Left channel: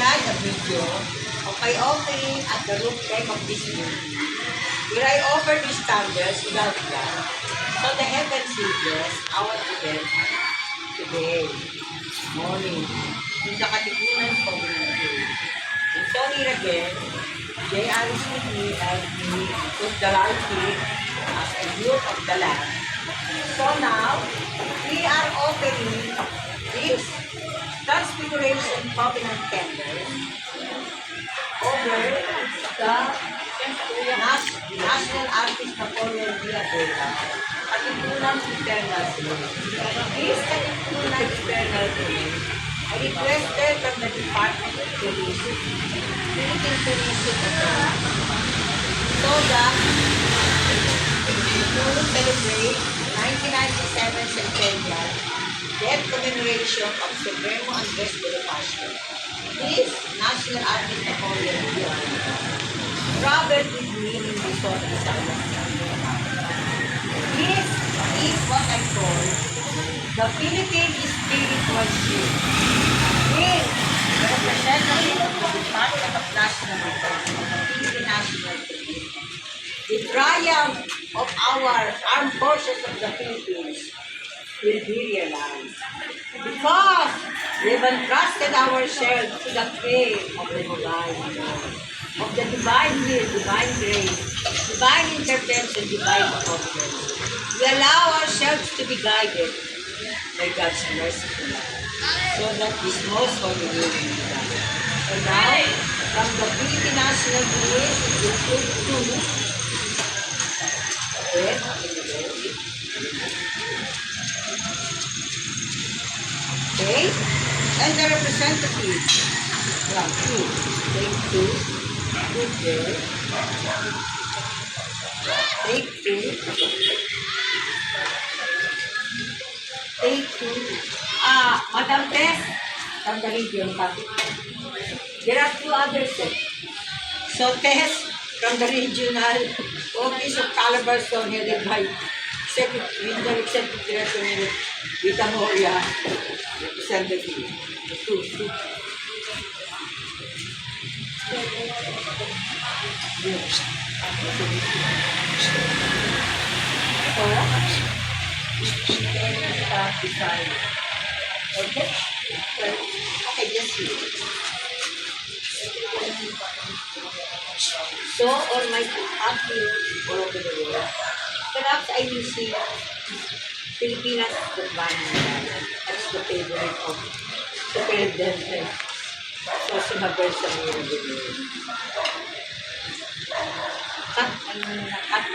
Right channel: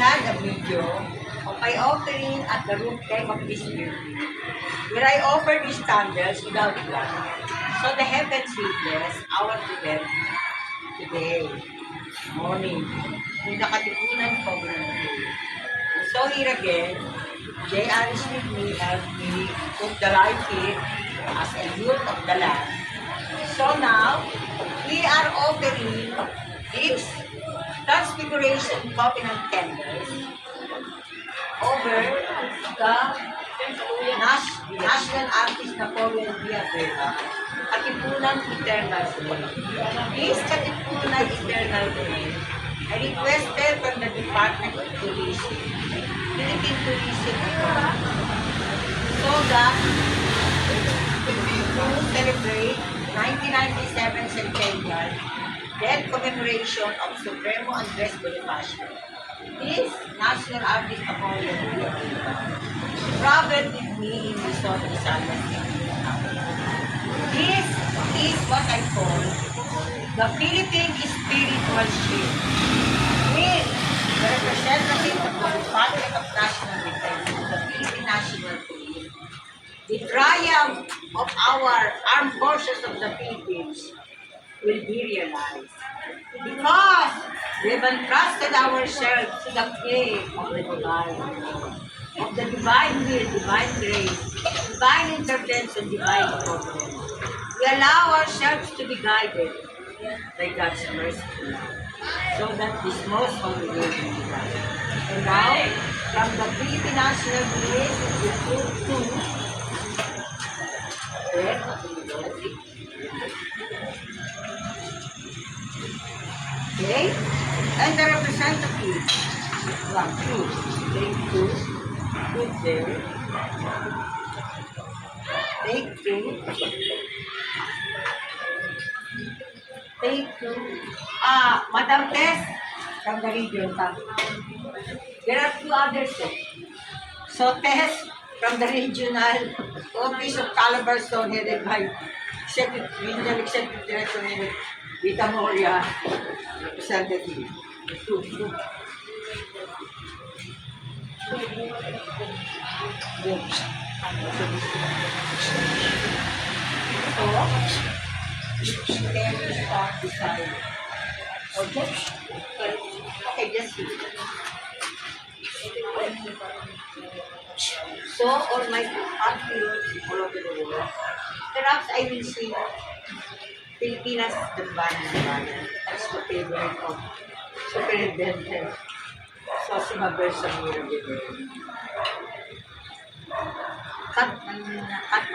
had a video of my offering at the rooftop of this building, where I offered these candles without glass, so the heavens will bless our event today, morning, in the Katipunan community. And so here again, J.R. is with me, helped me put the light here as a youth of the land. So now, we are offering this Transfiguration Covenant candles over the National Artist Napoleon Villavera, Katipunan Eternal Flame. This Katipunan Eternal Flame, I requested from the Department of Tourism, Philippine Tourism Authority, so that to celebrate 1997 centennial death commemoration of Supremo Andres Bonifacio. This National Artist Napoleon Villavera traveled with me in Luzon, Visayas. This is what I call the Philippine Spiritual Ship, with the representative of the Department of National Defense and the Philippine National Police. The triumph of our armed forces of the Philippines will be realized, because we've entrusted ourselves to the care of the divine Lord, of the divine will, divine grace, divine intervention, divine providence. We allow ourselves to be guided by God's merciful love, so that this most holy will be done. And now, from the Philippine National Police, we put two okay, and the representative from two, take two, put there, take two, take two. Madam Tess, from the region pa. There are two others. So Tess, from the regional office of Calabarzon, headed by Regional Executive Director Vita Moria, representative. Two. Good. So, decide. Okay? Okay, just see. So, on my art viewers all over the world, perhaps I will see Pilipinas as the banner ng bayan, as the favorite of the President Sosima Bersamiro. Cut